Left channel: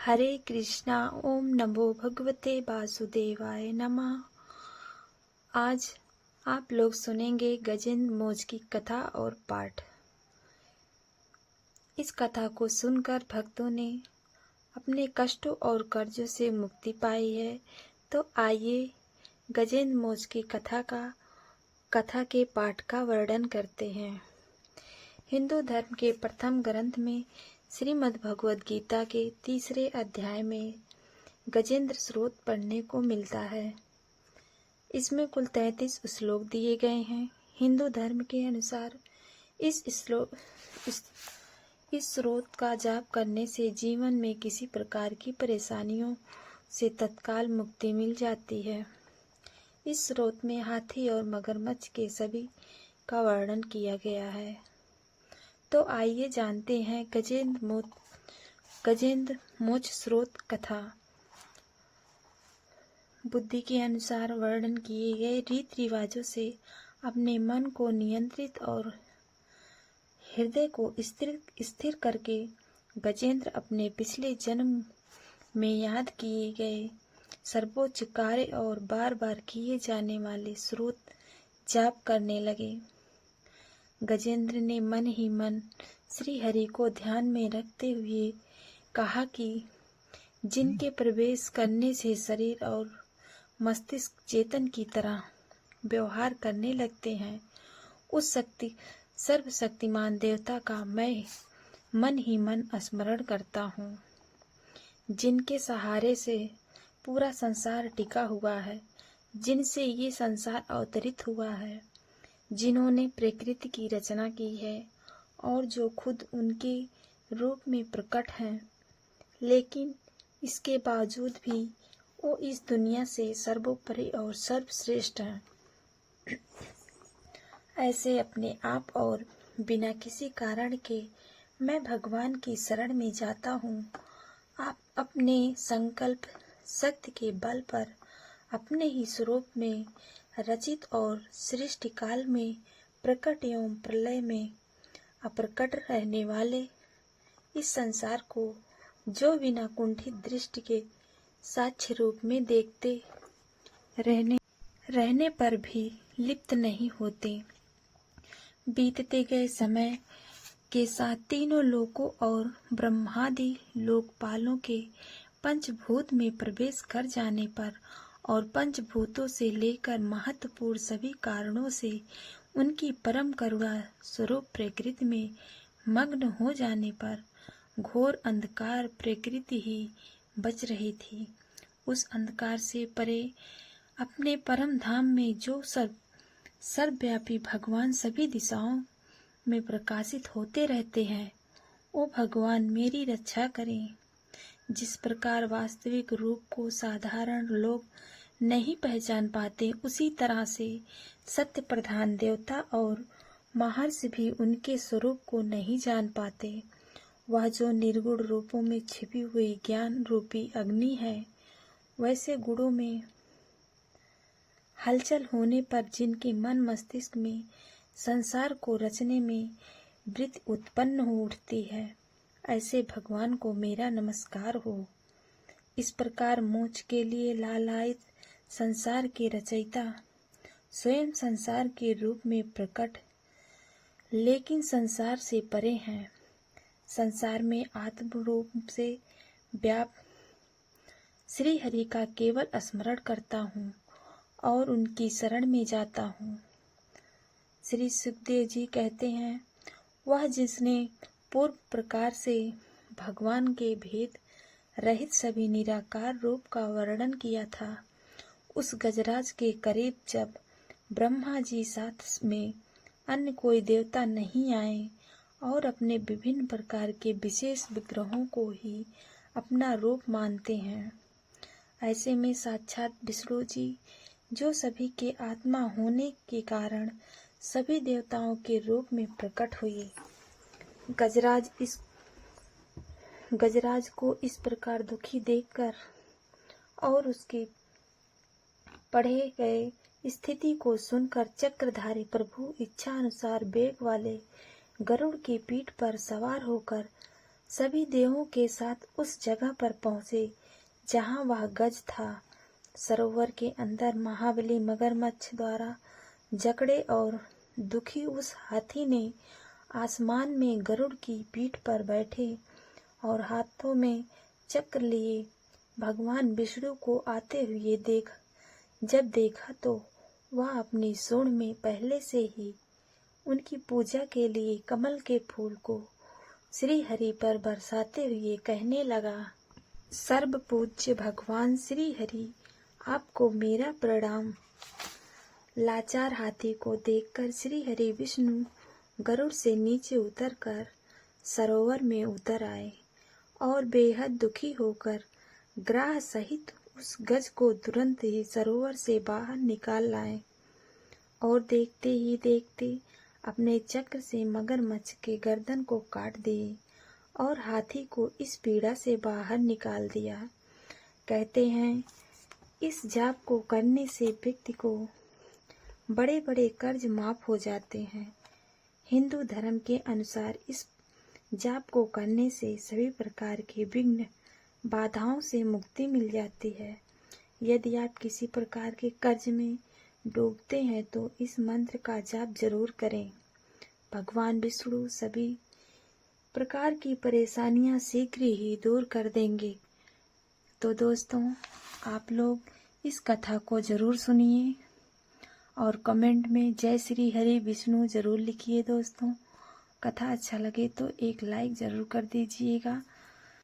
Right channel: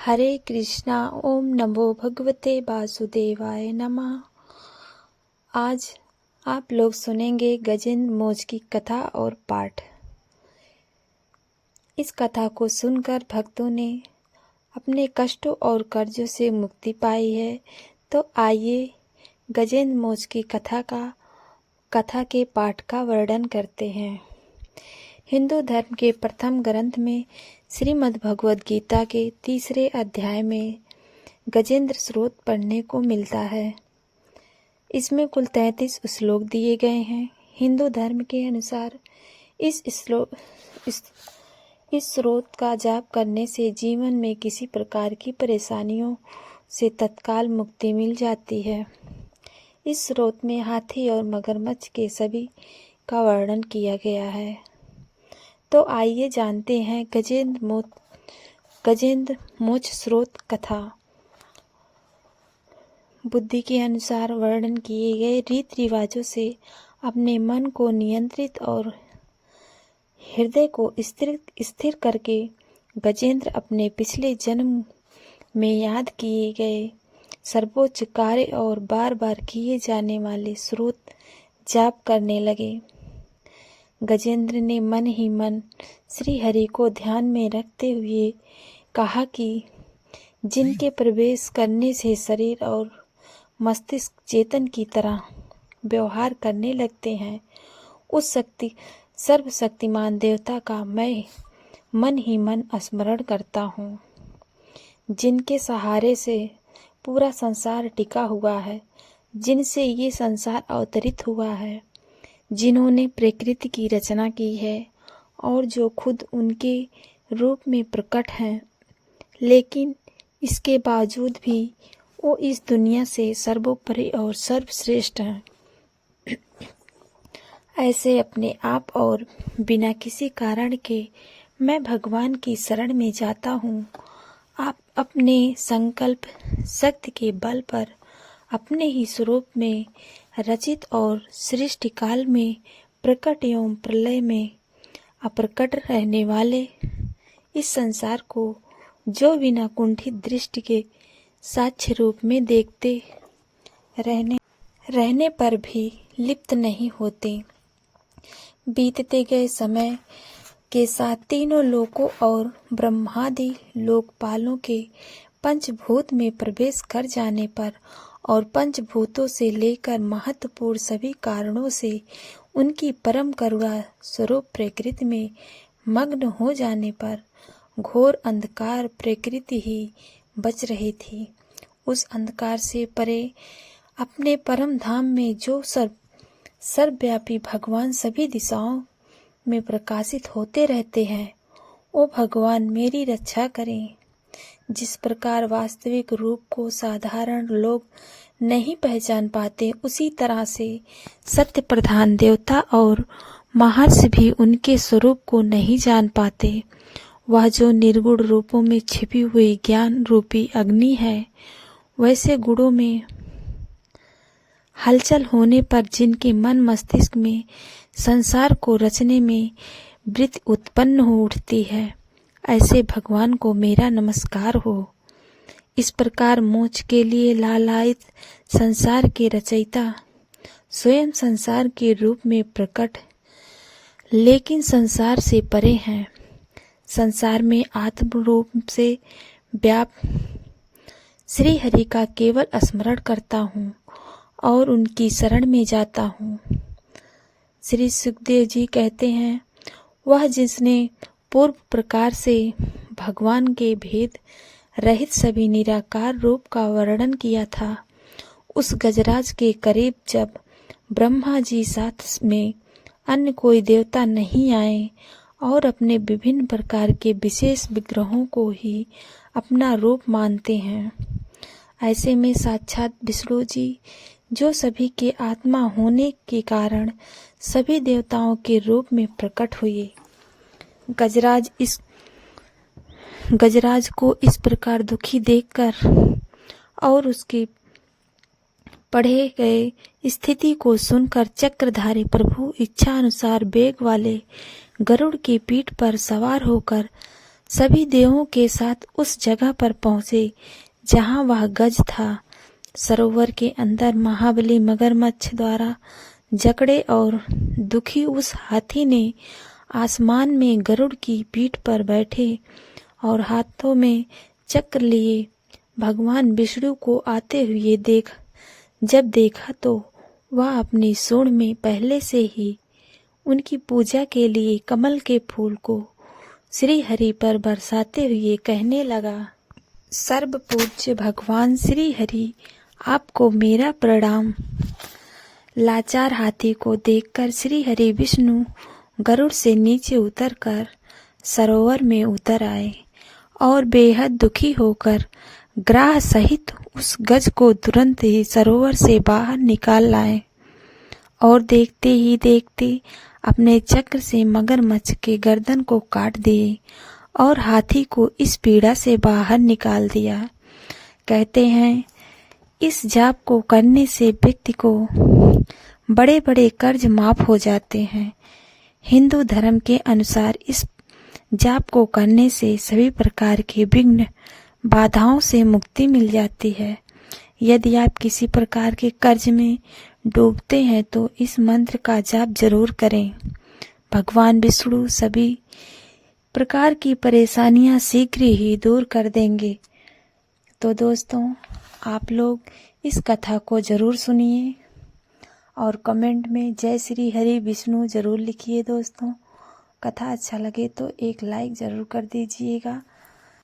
हरे कृष्णा। ओम नमो भगवते वासुदेवाय नमः। आज आप लोग सुनेंगे गजेंद्र मोच की कथा और पाठ। इस कथा को सुनकर भक्तों ने अपने कष्टों और कर्जों से मुक्ति पाई है। तो आइए गजेंद्र मोच की कथा के पाठ का वर्णन करते हैं। हिंदू धर्म के प्रथम ग्रंथ में श्रीमद् भगवद गीता के 3 अध्याय में गजेंद्र स्रोत पढ़ने को मिलता है। इसमें कुल 33 श्लोक दिए गए हैं। हिंदू धर्म के अनुसार इस स्रोत का जाप करने से जीवन में किसी प्रकार की परेशानियों से तत्काल मुक्ति मिल जाती है। इस स्रोत में हाथी और मगरमच्छ के सभी का वर्णन किया गया है। तो आइए जानते हैं गजेंद्र मोच स्रोत कथा। बुद्धि के अनुसार वर्णन किए गए रीति रिवाजों से अपने मन को नियंत्रित और हृदय को स्थिर करके गजेंद्र अपने पिछले जन्म में याद किए गए सर्वोच्च कार्य और बार बार किए जाने वाले स्रोत जाप करने लगे। गजेंद्र ने मन ही मन श्री हरि को ध्यान में रखते हुए कहा कि जिनके प्रवेश करने से शरीर और मस्तिष्क चेतन की तरह व्यवहार करने लगते हैं, उस सर्वशक्तिमान देवता का मैं मन ही मन स्मरण करता हूँ। जिनके सहारे से पूरा संसार टिका हुआ है, जिनसे ये संसार अवतरित हुआ है, जिन्होंने प्रकृति की रचना की है और जो खुद उनके रूप में प्रकट हैं, लेकिन इसके बावजूद भी वो इस दुनिया से सर्वोपरि और सर्वश्रेष्ठ हैं। ऐसे अपने आप और बिना किसी कारण के मैं भगवान की शरण में जाता हूँ। आप अपने संकल्प शक्ति के बल पर अपने ही स्वरूप में रचित और सृष्टि काल में प्रकट एवं प्रलय में अप्रकट रहने वाले इस संसार को जो बिना कुंठित दृष्टि के साक्ष्य रूप में देखते रहने पर भी लिप्त नहीं होते, बीतते गए समय के साथ तीनों लोकों और ब्रह्मादि लोकपालों के पंचभूत में प्रवेश कर जाने पर और पंचभूतों से लेकर महत्वपूर्ण सभी कारणों से उनकी परम करुणा स्वरूप प्रकृति में मग्न हो जाने पर घोर अंधकार प्रकृति ही बच रही थी। उस अंधकार से परे अपने परम धाम में जो सर्वव्यापी भगवान सभी दिशाओं में प्रकाशित होते रहते हैं, वो भगवान मेरी रक्षा करें। जिस प्रकार वास्तविक रूप को साधारण लोग नहीं पहचान पाते, उसी तरह से सत्य प्रधान देवता और महर्षि भी उनके स्वरूप को नहीं जान पाते। वह जो निर्गुण रूपों में छिपी हुई ज्ञान रूपी अग्नि है, वैसे गुणों में हलचल होने पर जिनके मन मस्तिष्क में संसार को रचने में वृत्ति उत्पन्न हो उठती है, ऐसे भगवान को मेरा नमस्कार हो। इस प्रकार मोक्ष के लिए लालायित संसार के रचयिता स्वयं संसार के रूप में प्रकट, लेकिन संसार से परे हैं। संसार में आत्म रूप से व्याप्त श्री हरि का केवल स्मरण करता हूँ और उनकी शरण में जाता हूँ। श्री सुखदेव जी कहते हैं, वह जिसने पूर्व प्रकार से भगवान के भेद रहित सभी निराकार रूप का वर्णन किया था, उस गजराज के करीब जब ब्रह्मा जी साथ में अन्य कोई देवता नहीं आए और अपने विभिन्न प्रकार के विशेष विग्रहों को ही अपना रूप मानते हैं, ऐसे में साक्षात विष्णु जी जो सभी के आत्मा होने के कारण सभी देवताओं के रूप में प्रकट हुए। गजराज को इस प्रकार दुखी देखकर और उसके पढ़े गए स्थिति को सुनकर चक्रधारी प्रभु इच्छा अनुसार वेग वाले गरुड़ की पीठ पर सवार होकर सभी देवों के साथ उस जगह पर पहुँचे जहाँ वह गज था। सरोवर के अंदर महाबली मगरमच्छ द्वारा जकड़े और दुखी उस हाथी ने आसमान में गरुड़ की पीठ पर बैठे और हाथों में चक्र लिए भगवान विष्णु को आते हुए जब देखा तो वह अपनी सूंड में पहले से ही उनकी पूजा के लिए कमल के फूल को श्री हरि पर बरसाते हुए कहने लगा, सर्व पूज्य भगवान श्री हरि, आपको मेरा प्रणाम। लाचार हाथी को देखकर श्री हरि विष्णु गरुड़ से नीचे उतरकर सरोवर में उतर आए और बेहद दुखी होकर ग्राह सहित उस गज को तुरंत ही सरोवर से बाहर निकाल लाए और देखते ही देखते अपने चक्र से मगरमच्छ के गर्दन को काट दिए और हाथी को इस पीड़ा से बाहर निकाल दिया। कहते हैं इस जाप को करने से व्यक्ति को बड़े बड़े कर्ज माफ हो जाते हैं। हिंदू धर्म के अनुसार इस जाप को करने से सभी प्रकार के विघ्न बाधाओं से मुक्ति मिल जाती है। यदि आप किसी प्रकार के कर्ज में डूबते हैं तो इस मंत्र का जाप जरूर करें। भगवान विष्णु सभी प्रकार की परेशानियां शीघ्र ही दूर कर देंगे। तो दोस्तों, आप लोग इस कथा को जरूर सुनिए और कमेंट में जय श्री हरि विष्णु जरूर लिखिए। दोस्तों, कथा अच्छा लगे तो एक लाइक ज़रूर कर दीजिएगा